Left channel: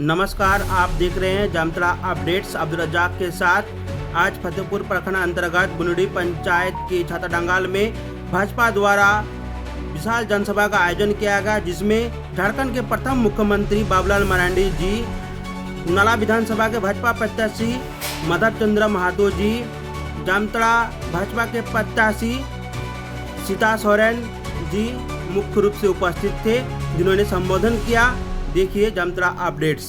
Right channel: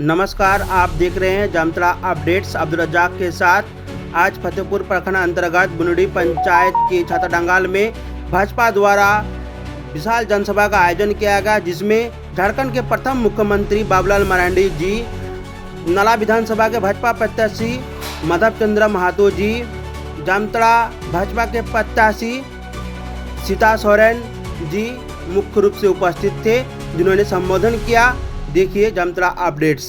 नमस्कार, आप देख रहे हैं जामताड़ा अपडेट्स अब्दुल रज्जाक के साथ। आज फतेहपुर प्रखंड अंतर्गत बुनडी पंचायत की छाताडांगल में भाजपा द्वारा विशाल जनसभा का आयोजन किया गया, जिसमें झारखंड के प्रथम मुख्यमंत्री बाबूलाल मरांडी जी, नला विधानसभा के भाजपा प्रत्याशी माधव चंद्र महातो जी, जामताड़ा भाजपा के प्रत्याशी सीता सोरेन जी मुख्य रूप से उपस्थित थे, जिन्होंने संबोधन किया। देखिए जामताड़ा अपडेट्स।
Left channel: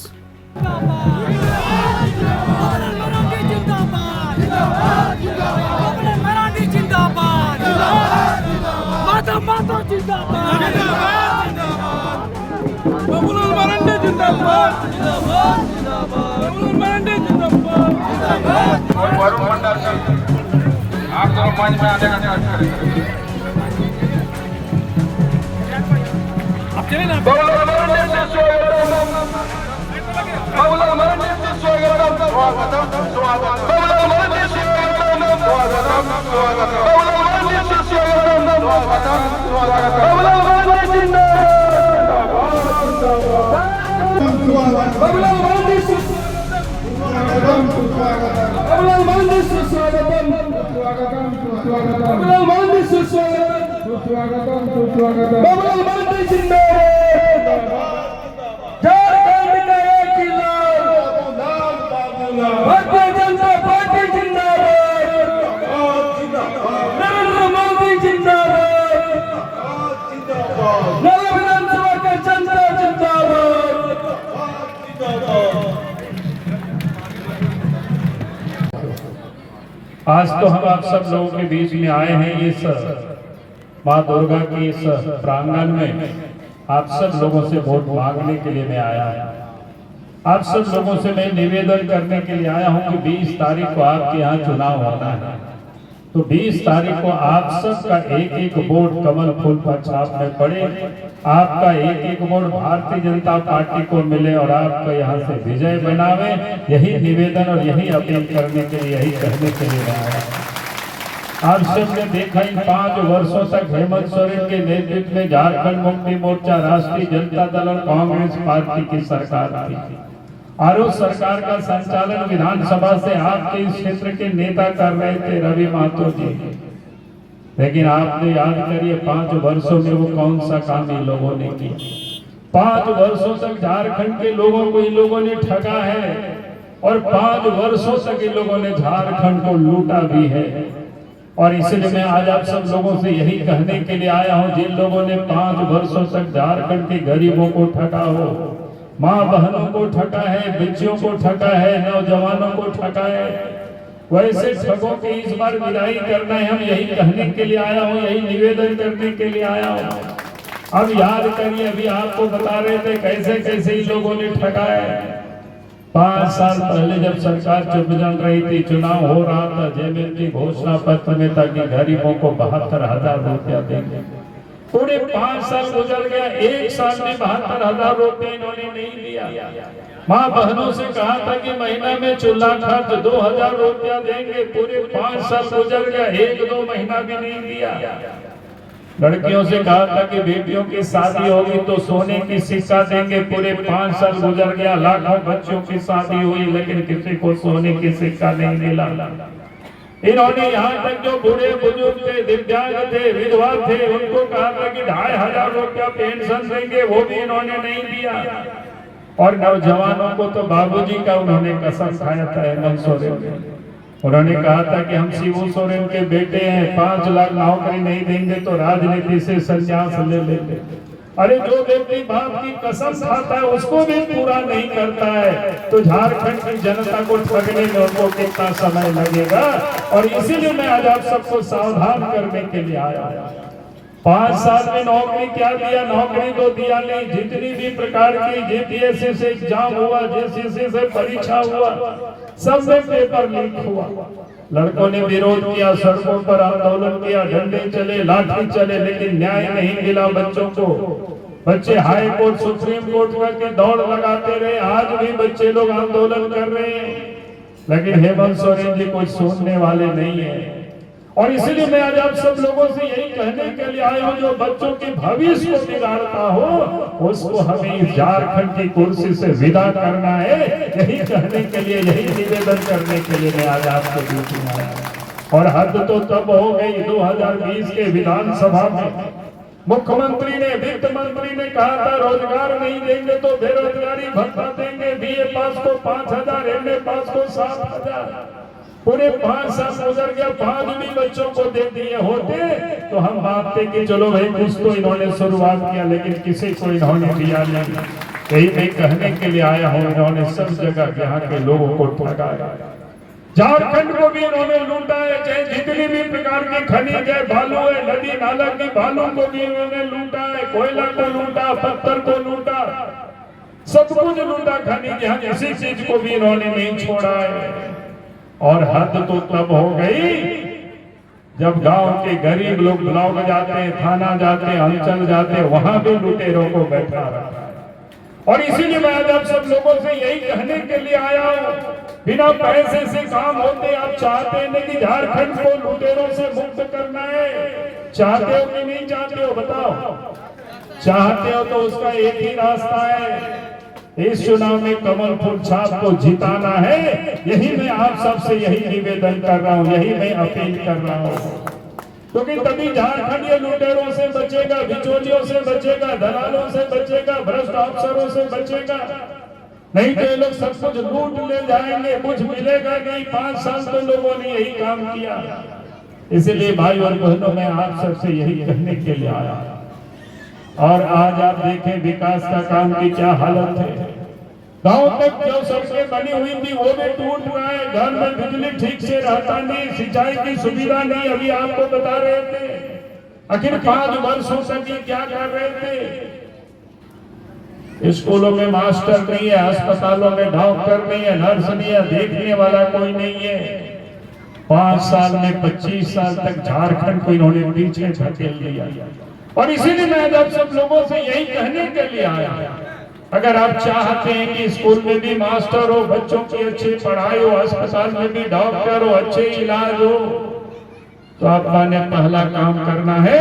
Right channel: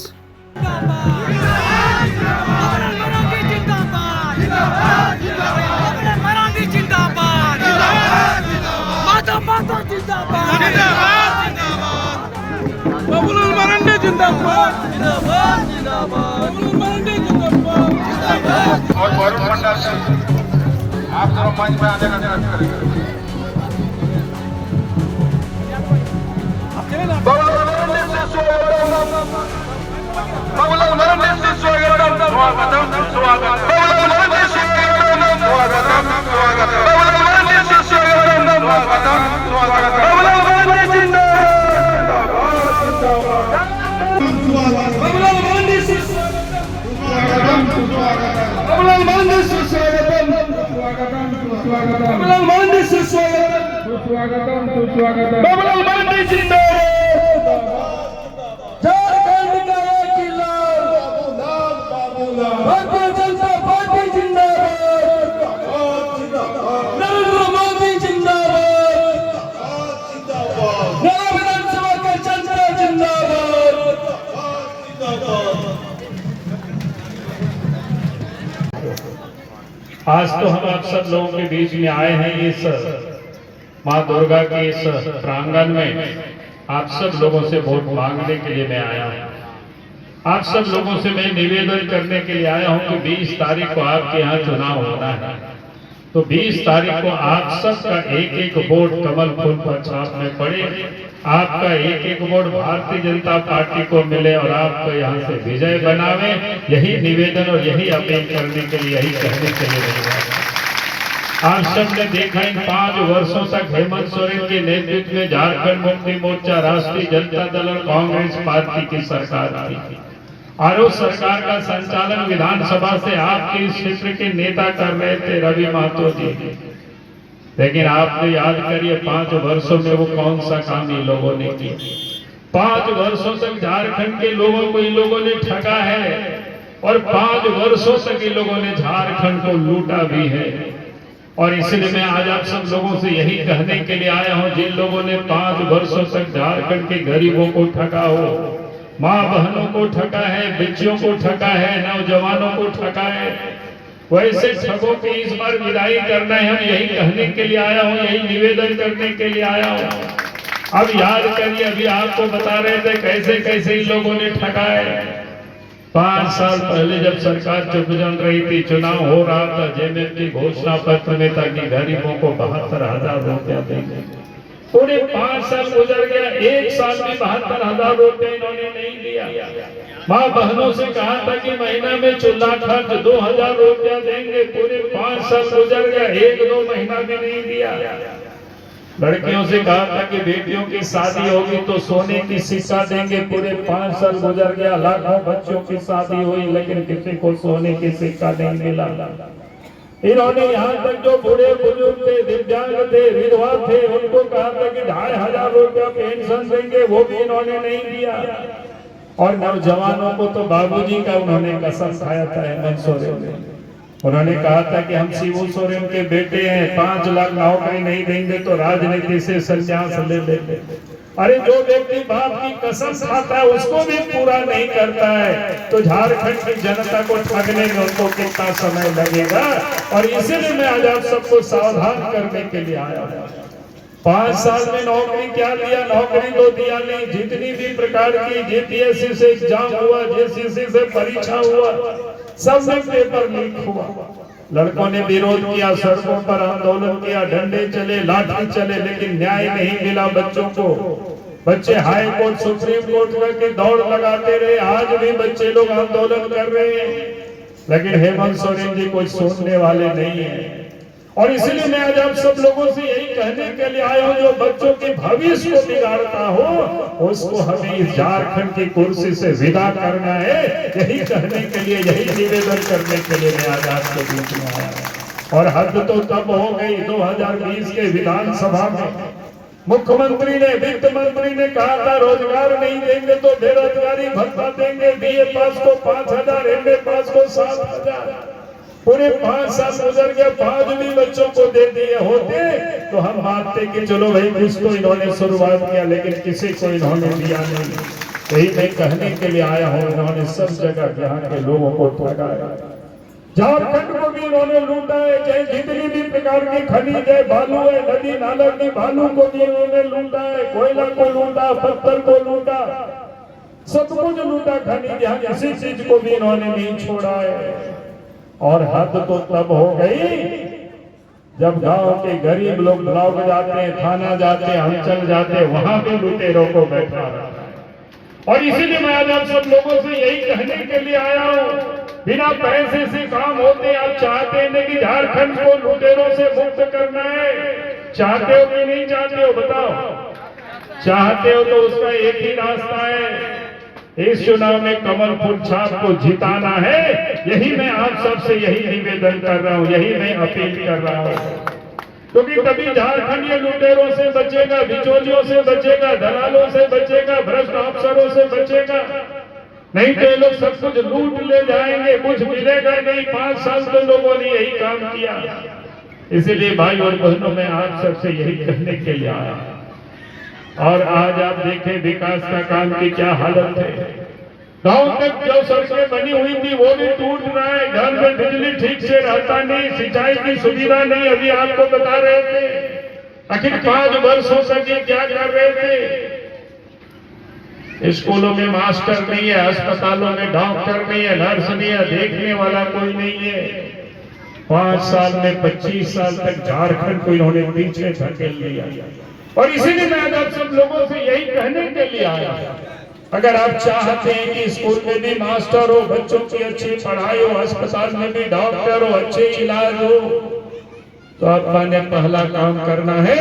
आप दोनों मंच में आने का प्रयास करेंगे। बाबूलाल मरांडी से स्वागतम, स्वागतम, स्वागतम। बाबूलाल मरांडी से स्वागतम, स्वागतम। बाबूलाल मरांडी से स्वागतम, स्वागतम, स्वागतम। बाबूलाल मरांडी जिंदाबाद, बाबूलाल मरांडी से स्वागतम, स्वागतम। बाबूलाल मरांडी से स्वागतम, स्वागतम, स्वागतम। बाबूलाल मरांडी से स्वागतम, स्वागतम, स्वागतम। बाबूलाल मरांडी जिंदाबाद। भारतीय जनता पार्टी जिंदाबाद, नरेंद्र मोदी जिंदाबाद, नला विधानसभा के जनता जिंदाबाद। आज तो हम आप सब लोगों के बीच में आए हैं इस माँ दुर्गा के इस प्रांगण में। आप सब लोगों से वोट मांगने के लिए मैं आया हूँ। आप सब लोगों से मैं निवेदन करने के लिए आया हूं कि 20 तारीख को आपके यहाँ चुनाव होना है, तो 20 तारीख को आप सबका एक एक वोट कमल फूल पर छाप में पड़े, आपका एक एक वोट भारतीय जनता पार्टी को मिले और आपको यहाँ से विजय बनावे। यही निवेदन और यही अपील करने के लिए, यही कहने के लिए आप सबने देखा इन 5 वर्षों तक हेमंत सोरेन के नेतृत्व में झारखंड मुक्ति मोर्चा, राष्ट्रीय जनता दल और कांग्रेस पार्टी की सरकार थी। और उस सरकार का संचालन विधानसभा से आपके इस क्षेत्र के नेता कर रहे थे, रवि महतो जी। लेकिन आपने याद करिए 5 वर्षों में वो कौन सा काम इन लोगों ने किया। 5 वर्षों तक झारखंड के लोगों को इन लोगों ने ठगा है और 5 वर्षों तक इन लोगों ने झारखंड को लूटा भी है। और इसलिए मैं आज आप सब लोगों से यही कहने के लिए आया हूं, जिन लोगों ने 5 वर्षों तक झारखंड के गरीबों को ठगा हो, माँ बहनों को ठगा है, बच्चियों को ठगा है, नौजवानों को ठगा है, वैसे ठगों की इस बार विदाई करना है। हम यही कहने के लिए आया हूँ, यही निवेदन करने के लिए आया हूँ। अब याद करिए, अभी आपको बता रहे थे कैसे कैसे इन लोगों ने ठगा है। 5 साल पहले जब सरकार चुप जम रही थी, चुनाव हो रहा था, जेएमएम घोषणा पत्र में था कि गरीबों को 72,000 रुपया देंगे। पूरे 5 साल गुजर गया, 1 साल में 72,000 रुपए इन्होंने नहीं दिया। माँ बहनों से कहा था कि महीना में चूल्हा खर्च 2,000 रुपया देंगे, पूरे 5 साल गुजर गया, 1-2 महीना भी नहीं दिया। लड़कियों से कहा था कि बेटियों की शादी होगी तो सोने की सिक्का देंगे, पूरे 5 साल गुजर गया, लाखों बच्चों की शादी हुई लेकिन किसी को सोने की सिक्का नहीं मिला। इन्होंने यहाँ तक जो बूढ़े बुजुर्ग थे, दिव्यांग थे, विधवा थे, उनको कहा था कि 2,500 रुपया पेंशन देंगे, वो भी इन्होंने नहीं दिया। और नौजवानों को तो बाबूजी का उन्होंने कसम खाया था हेमंत सोरेन। उन्होंने कहा था कि हम शिबू सोरेन के बेटे हैं, 5 लाख नौकरी नहीं देंगे तो राजनीति से संन्यास ले लेंगे। अरे जो व्यक्ति बाप की कसम खाता है उसको भी पूरा नहीं करता है, तो झारखंड की जनता को ठगने में उनको कितना समय लगेगा। और इसीलिए मैं आज आप सबको सावधान करने के लिए आया हूँ। 5 साल में नौकरी क्या दिया? नौकरी तो दिया नहीं। जितनी भी प्रकार की जेपीएससी से एग्जाम हुआ, जेसीसी से परीक्षा हुआ, सब में पेपर लीक हुआ। लड़कों ने विरोध किया, सड़कों पर आंदोलन किया, डंडे चले, लाठी चले, लेकिन न्याय नहीं मिला बच्चों को। बच्चे हाई कोर्ट, सुप्रीम कोर्ट में के दौड़ लगाते रहे। आज भी बच्चे लोग आंदोलन कर रहे हैं, लेकिन हेमंत सोरेन जी कोई सुनने वाले नहीं है। और इसलिए मैं आज आप सब लोगों से यही कहने के लिए आया हूं, जो बच्चों के भविष्य को बिगाड़ता हो उसको हमें इस झारखंड की कुर्सी से विदा करना है। यही कहने के लिए, यही निवेदन करने के लिए मैं आज आपके बीच में आया। और हद तो तब हो गई 2020 के विधानसभा में मुख्यमंत्री ने, वित्त मंत्री ने कहा था रोजगार नहीं देंगे तो बेरोजगारी भत्ता देंगे, बीए पास को 5,000, एमए पास को 7,000। पूरे 5 साल गुजर गए, 5 भी बच्चों को दे दिए होते तो हम मानते कि चलो भाई कुछ तो इन्होंने शुरुआत किया, लेकिन किसी को इन्होंने दिया नहीं। यही मैं कहने के लिए आया हूँ, इन्होंने सब जगह यहाँ के लोगों को ठगाया, झारखंड को भी इन्होंने लूटा है। चाहे जितनी भी प्रकार की खनिज है, बालू है, नदी नाला की बालू को भी इन्होंने लूटा है, कोयला को लूटा, पत्थर को लूटा, सब कुछ लूटा खनिज, यहाँ किसी चीज को भी इन्होंने नहीं छोड़ा है। और हद तो तब हो गई जब गांव के गरीब लोग ब्लॉक जाते हैं, थाना जाते हैं, अंचल जाते हैं, वहां भी लुटेरों को बैठा रखा है। और इसीलिए मैं आज आप सब लोगों से यही कहने के लिए आया हूं, बिना पैसे से काम होते आप चाहते हैं कि झारखंड को लुटेरों से मुक्त करना है? चाहते हो कि नहीं चाहते हो? बताओ। चाहते हो तो उसका एक ही रास्ता है, इस चुनाव में कमल फूल छाप को जिताना है। यही मैं आप सबसे यही निवेदन कर रहा हूँ, यही मैं अपील कर रहा हूँ, क्योंकि तभी झारखंड ये लुटेरों से बचेगा, बिचौलियों से बचेगा, दलालों से बचेगा, भ्रष्ट अफसरों से बचेगा। नहीं तो ये लोग सब कुछ लूट ले जाएंगे, कुछ मिलेगा नहीं। 5 साल तो लोगों ने यही काम किया। इसीलिए भाई और बहनों, मैं आप सबसे यही कहने के लिए आया। और आज आप देखें विकास का काम की क्या हालत है। गांव तक जो सड़कें बनी हुई थी वो भी टूट रहा है, घर में बिजली ठीक से रहता नहीं, सिंचाई की सुविधा नहीं। अभी आपको बता रहे थे आखिर 5 वर्षों से ये क्या कर रहे थे। स्कूलों में मास्टर नहीं है, अस्पतालों में डॉक्टर नहीं है, नर्स नहीं है, देखने वाला कोई नहीं है। 5 साल में 25 साल तक झारखंड को इन्होंने पीछे धकेल दिया। और इसीलिए मैं आप सब लोगों से यही कहने के लिए आया, अगर आप चाहते हैं कि स्कूल में भी मास्टर हो, बच्चों की अच्छी पढ़ाई हो, अस्पताल में भी डॉक्टर हो, अच्छे इलाज हो, तो आपने पहला काम करना है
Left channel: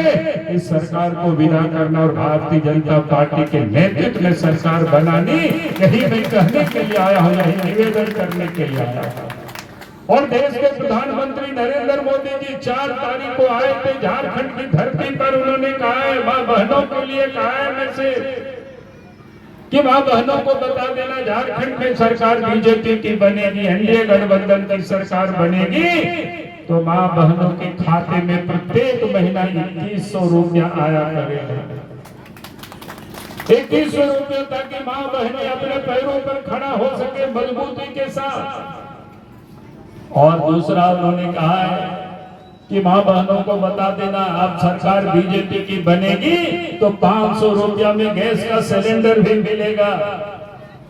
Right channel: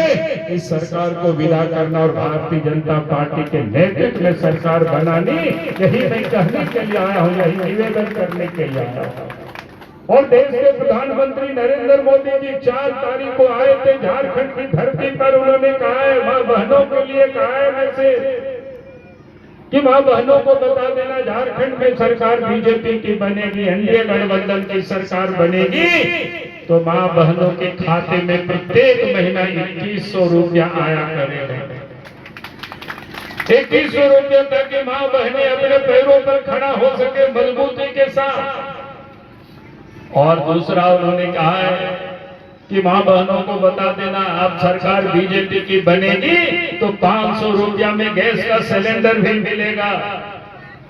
इस सरकार को विदा करना और भारतीय जनता पार्टी के नेतृत्व में सरकार बनानी। यही मैं कहने के लिए आया हूँ, यही निवेदन करने के लिए आया हूँ। और देश के प्रधानमंत्री नरेंद्र मोदी जी 4 तारीख को आए थे झारखंड की धरती पर। उन्होंने कहा है, मां बहनों के लिए कहा है मैसेज कि मां बहनों को बता देना झारखंड में सरकार बीजेपी की बनेगी, एनडीए गठबंधन की सरकार बनेगी तो मां बहनों के खाते में प्रत्येक महीना 2100 रुपया आया करेगा। 2100 रुपया ताकि मां बहनें अपने पैरों पर खड़ा हो सके मजबूती के साथ। और दूसरा उन्होंने कहा है कि मां बहनों को बता देना, आप सरकार बीजेपी की बनेगी तो 500 रुपया में गैस का सिलेंडर भी मिलेगा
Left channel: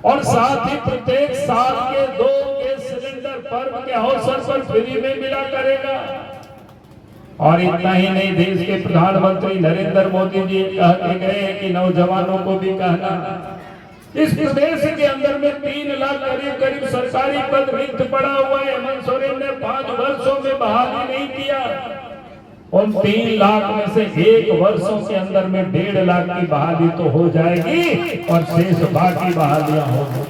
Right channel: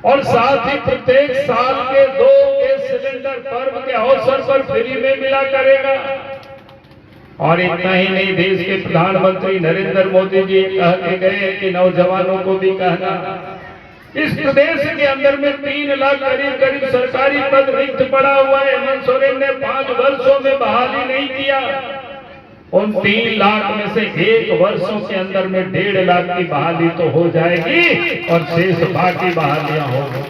और साथ ही प्रत्येक साल के 2 गैस सिलेंडर पर्व के अवसर पर फ्री में मिला करेगा। और इतना ही नहीं, देश के प्रधानमंत्री नरेंद्र मोदी जी कह के गए कि नौजवानों को भी कहना, इस प्रदेश के अंदर में 3 लाख करीब सरकारी पद रिक्त पड़ा हुआ है। हेमंत सोरेन ने 5 वर्षों में बहाली नहीं किया। उन 3 लाख में से 1 वर्षों के अंदर में 1.5 लाख की बहाली तो हो जाएगी और शेष बाकी बहालियां होंगी।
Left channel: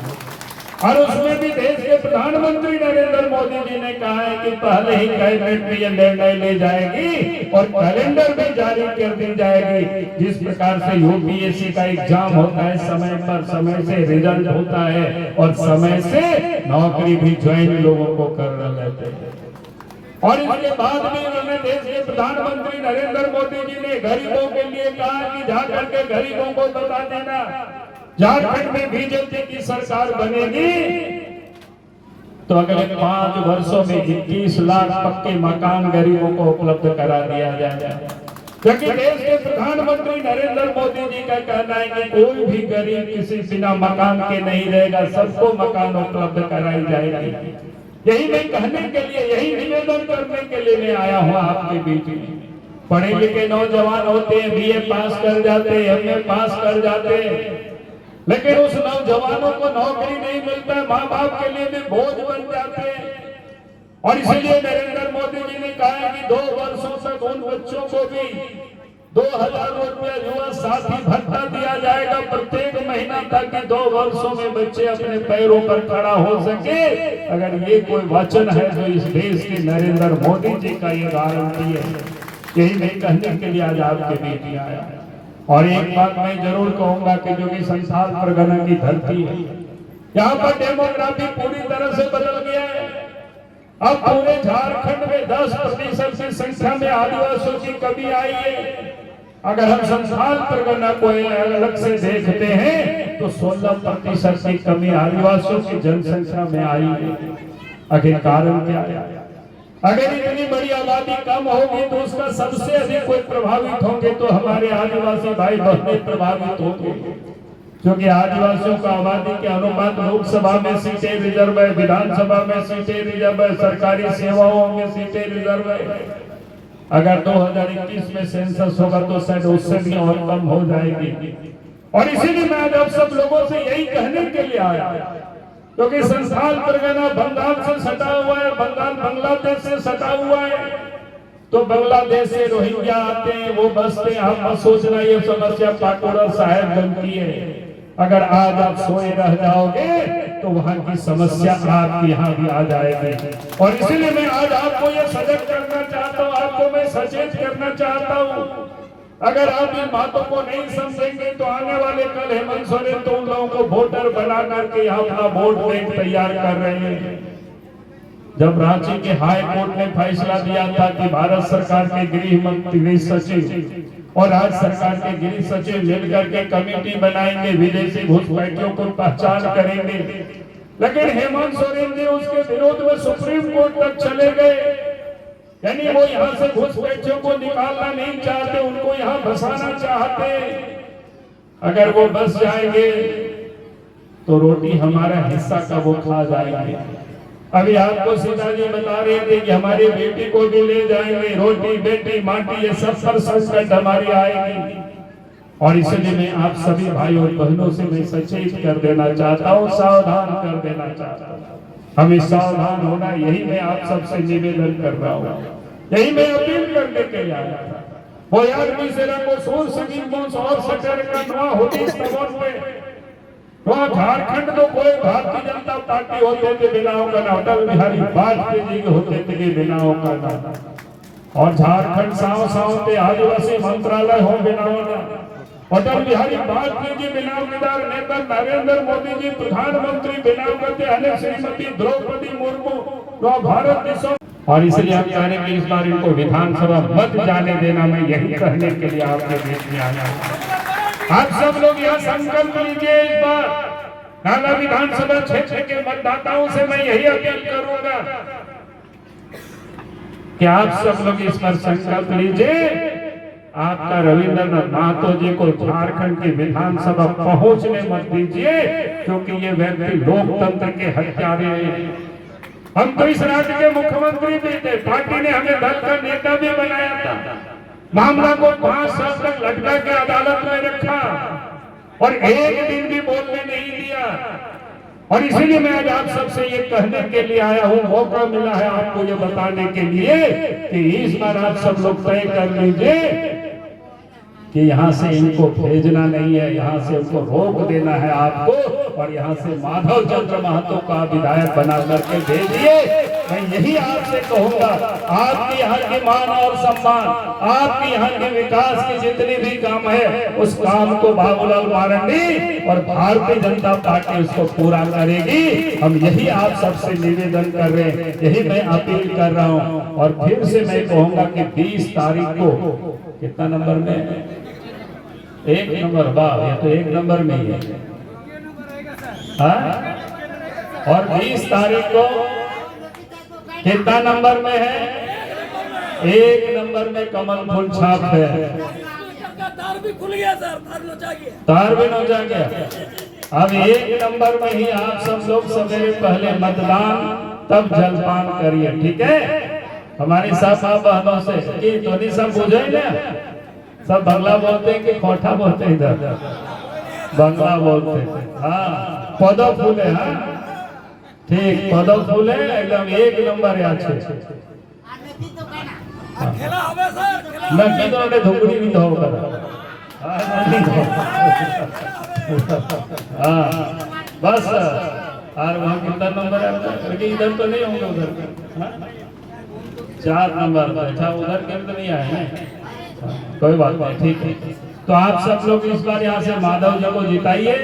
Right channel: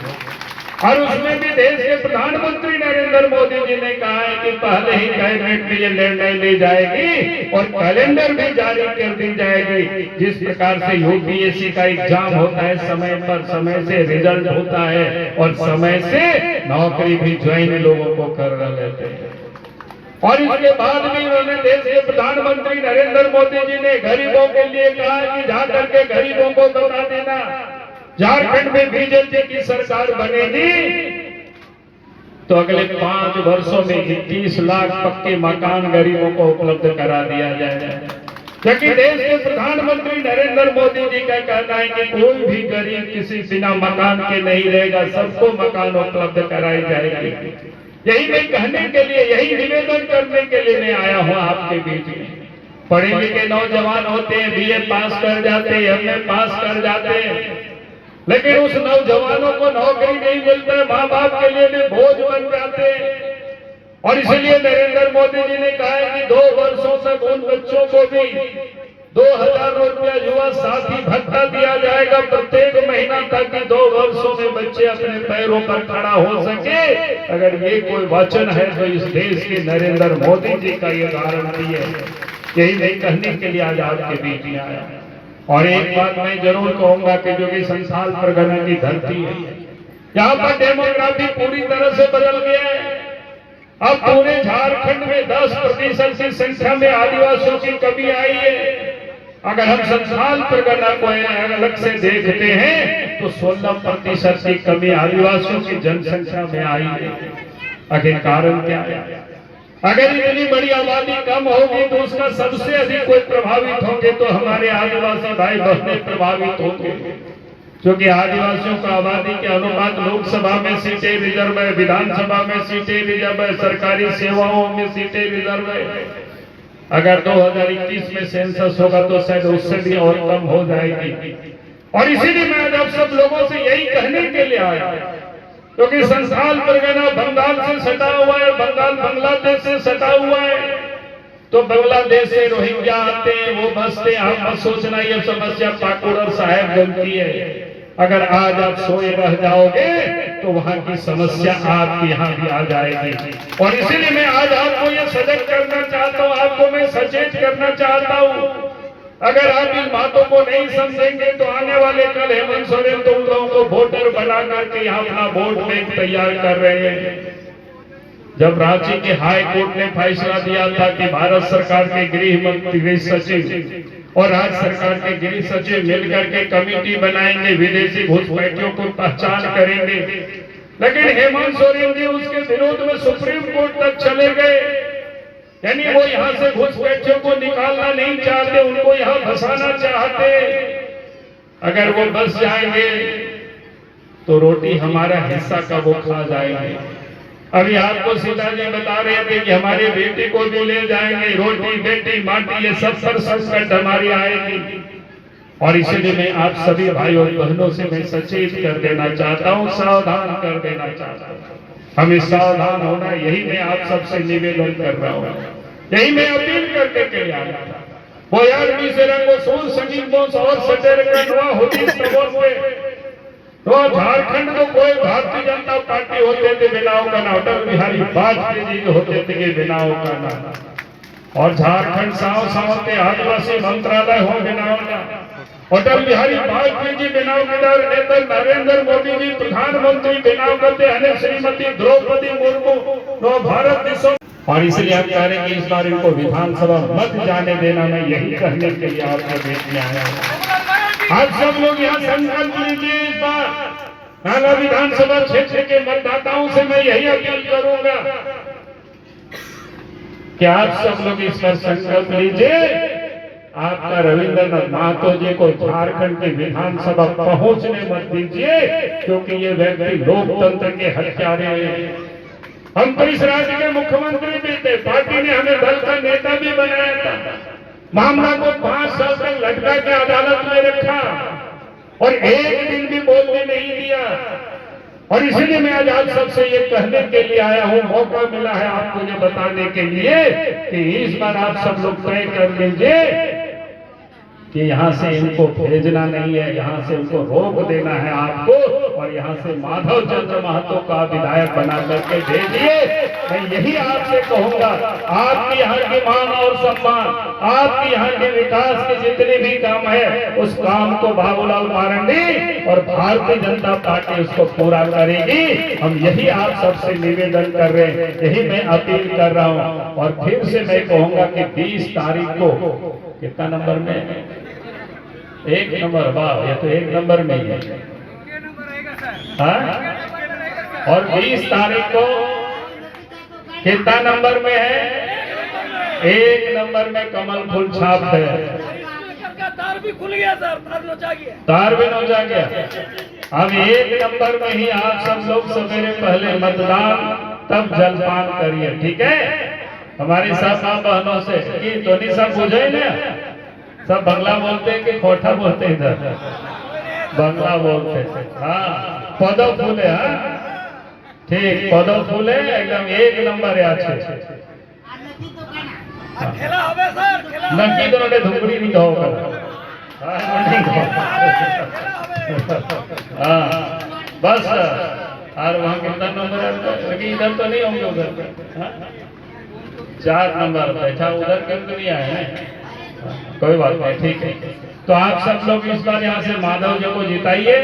और उसमें भी देश के प्रधानमंत्री नरेंद्र मोदी जी ने कहा है कि पहले ही कैबिनेट में ये निर्णय ले जाएगी और कैलेंडर भी जारी कर दी जाएगी। जिस प्रकार से यूपीएससी का एग्जाम होता है, समय पर समय से रिजल्ट होता है और समय से नौकरी भी ज्वाइन लोगों को कर लेते हैं। और इसके बाद भी उन्होंने देश के प्रधानमंत्री नरेंद्र मोदी जी ने गरीबों के लिए कहा कि जाकर के गरीबों को बता देना झारखंड में बीजेपी की सरकार बनेगी तो अगले 5 वर्षों में 21 लाख पक्के मकान गरीबों को उपलब्ध करा दिया जाएगा। क्योंकि देश के प्रधानमंत्री नरेंद्र मोदी जी का कहना है कि कोई भी गरीब किसी बिना मकान के नहीं रहेगा, सबको मकान उपलब्ध कराई जाएगी। यही मैं कहने के लिए, यही निवेदन करने के लिए मैं आया हूँ आपके बीच में। पढ़े लिखे नौजवान होते हैं, बीए पास कर जाते हैं, एमए पास कर जाते हैं, लेकिन उस नौजवानों को नौकरी नहीं मिलता, माँ बाप के लिए भी बोझ बन जाते हैं। और इसलिए नरेंद्र मोदी जी ने कहा है कि 2 वर्षों तक उन बच्चों को भी 2000 रुपया युवा साथी भत्ता दिया जाएगा प्रत्येक महीना, ताकि 2 वर्षों में बच्चे अपने पैरों पर खड़ा हो सके। अगर ये कोई वचन है तो इस देश के नरेंद्र मोदी जी का ये गारंटी है। यही मैं कहने के लिए आज आपके बीच में आया। और एक बात मैं जरूर कहूंगा कि जो कि संथाल परगना की धरती है, यहाँ पर डेमोग्राफी पूरी तरह से बदल गया है। अब पूरे झारखंड में 10% की संख्या में आदिवासियों की कमी आई है। अगर हम संथाल परगना को अलग से देखते हैं तो 16% की कमी आदिवासियों की जनसंख्या में आई है। आखिर कारण क्या है? अगर इतनी बड़ी आबादी कम होगी तो उसका सबसे अधिक कोई प्रभावित होंगे तो हमारे आदिवासी भाई बहनें प्रभावित होंगे, क्योंकि आदिवासियों का आबादी के अनुपात लोकसभा में सीटें रिजर्व है, विधानसभा में सीटें रिजर्व है, सरकारी सेवाओं में सीटें रिजर्व है। अगर 2021 में सेंसस होगा तो शायद उससे भी और कम हो जाएगी। और इसीलिए मैं आज आप सब लोगों से यही कहने के लिए आया, क्योंकि संथाल परगना बंगाल से सटा हुआ है, बंगाल बांग्लादेश से सटा हुआ है। तो बांग्लादेश से रोहिंग्या आते हैं, वो बसते। आप मत सोचना ये समस्या पाकुड़ और साहेबगंज की है। अगर आज आप सोए रह जाओगे तो वहां की समस्या आपके यहाँ भी आ जाएगी। और इसीलिए मैं आज आपको ये सजग करना चाहता हूँ, आपको मैं सचेत करना चाहता हूँ। अगर आप इन बातों को नहीं समझेंगे तो आने वाले कल हेमंत सोरेन तो उन लोगों को वोटर बना करके यहाँ अपना वोट बैंक तैयार कर रहे हैं। जब रांची के हाई कोर्ट ने फैसला दिया था कि भारत सरकार के गृह सचिव और राज्य सरकार के गृह सचिव मिलकर के कमेटी बनाएंगे, विदेशी घुसपैठियों को पहचान करेंगे, लेकिन हेमंत सोरेन जी उसके विरोध में सुप्रीम कोर्ट तक चले गए। यानी वो यहाँ से घुसपैठियों को निकालना नहीं चाहते, उनको यहाँ बसाना चाहते। अगर वो बस जाएंगे तो रोटी हमारा हिस्सा का वो खा जाएंगे। अभी आपको सीता जी बता रहे थे कि हमारी बेटी को भी ले जाएंगे, रोटी बेटी माटी ये सब पर संकट हमारी आएगी। और इसीलिए मैं आप सभी भाई और बहनों से मैं सचेत कर देना चाहता हूँ, सावधान कर देना चाहता हूँ। हमें सावधान होना, यही मैं आप सबसे निवेदन कर रहा हूँ, यही मैं अपील करने के लिए आया था। वो यार को सोच संगीतों और सटर कटवा होती तो झारखंड में कोई भारतीय जनता पार्टी होते थे बिनाओ का ना, अटल बिहारी वाजपेयी जी के होते थे कि बिनाओ का ना। और झारखंड साव साव के आदिवासी मंत्रालय हो बिनाओ का, अटल बिहारी वाजपेयी जी बिनाओ के दर नेता नरेंद्र मोदी जी प्रधानमंत्री बिनाओ करते हैं, श्रीमती द्रौपदी मुर्मू तो भारत देशों। और इसलिए हम कह रहे हैं कि इस बार इनको विधानसभा मत जाने देना। मैं यही कहने के लिए आपके बीच में आया हूँ। आप सब लोग यहाँ संकल्प लीजिए। इस बार नाला विधानसभा क्षेत्र के मतदाताओं से मैं यही अपील करूंगा कि आप सब लोग इस पर संकल्प लीजिए। आपका रविंद्रनाथ महतो जी को झारखंड की विधानसभा पहुंचने मत दीजिए, क्योंकि ये व्यक्ति लोकतंत्र के हत्यारे हैं। हम तो इस राज्य के मुख्यमंत्री भी थे, पार्टी ने हमें दल का नेता भी बनाया था। मामला को 5 साल तक लटका के अदालत में रखा और एक दिन भी बोलने नहीं दिया। और इसीलिए मैं आज आप सबसे ये कहने के लिए आया हूँ, मौका मिला है आपको ये बताने के लिए कि इस बार आप सब लोग तय कर लीजिए कि यहाँ से इनको भेजना नहीं है, यहाँ से उनको रोक देना है आपको, और यहाँ से माधव चंद्र महतो का विधायक बना करके भेजिए। मैं यही आपसे कहूँगा, आपकी यहाँ की मान और सम्मान, आपकी यहाँ के विकास के जितने भी काम है, उस काम को बाबूलाल मारंडी और भारतीय जनता पार्टी उसको पूरा करेगी। हम यही आप सबसे निवेदन कर रहे हैं, यही मैं अपील कर रहा हूँ। और फिर से मैं कहूँगा कि 20 तारीख को कितना नंबर में, 1 नंबर, वाह ये तो 1 नंबर में ही है। हाँ? और 20 तारीख को कितना नंबर में है? 1 नंबर में कमल फूल छाप है। तार भी खुल गया सर, तार भी नोचा गया। अब 1 नंबर में ही आप सब लोग सवेरे पहले मतदान तब जलपान करिए, ठीक है? हमारी सब माँ बहनों से कि धोनी सब बुझे ना, सब बंगला बोलते हैं कि कोठा बोलते हैं, इधर बंगला बोलते हैं। हाँ, पौधो फूले। हाँ ठीक पदम फूले एकदम एक नंबर है अच्छे खेला हवे सर खेला नक्की तो उन्हें धुकड़ी नहीं दो हाँ बस और वहाँ कितना नंबर है लेकिन इधर तो नहीं होंगे उधर 4 नंबर अच्छा उधर क्यों तो नहीं आए हैं कोई बात नहीं ठीक है तो आप सब लोग इस बार यहाँ से माधव जी को जिताइए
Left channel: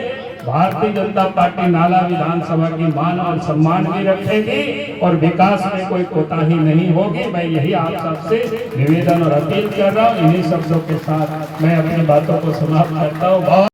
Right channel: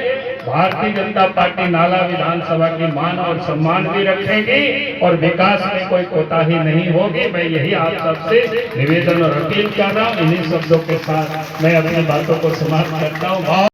भारतीय जनता पार्टी नाला विधानसभा की मान और सम्मान भी रखेगी और विकास में कोई कोताही नहीं होगी मैं यही आप सबसे निवेदन और अपील कर रहा हूँ इन्हीं शब्दों के साथ मैं अपनी बातों को समाप्त करता हूँ